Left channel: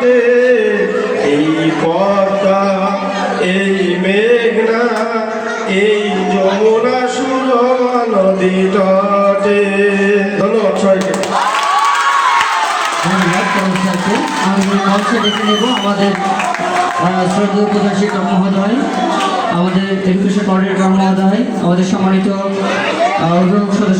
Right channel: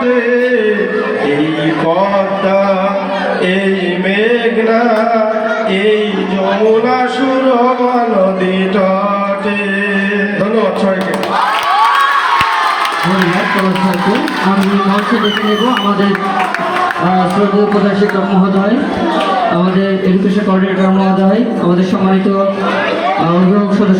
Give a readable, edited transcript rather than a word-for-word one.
তটে, এই পদ্মা, এই মেঘনা, এই যমুনা সুরমা নদী তটে। ধন্যবাদ সবাইকে। আমাদের শ্রদ্ধেয় প্রধান শিক্ষক মহোদয়, আমাদের এডুকেশন কোঅর্ডিনেটর মহোদয়, আমাদের সম্মানিত অভিভাবক সদস্য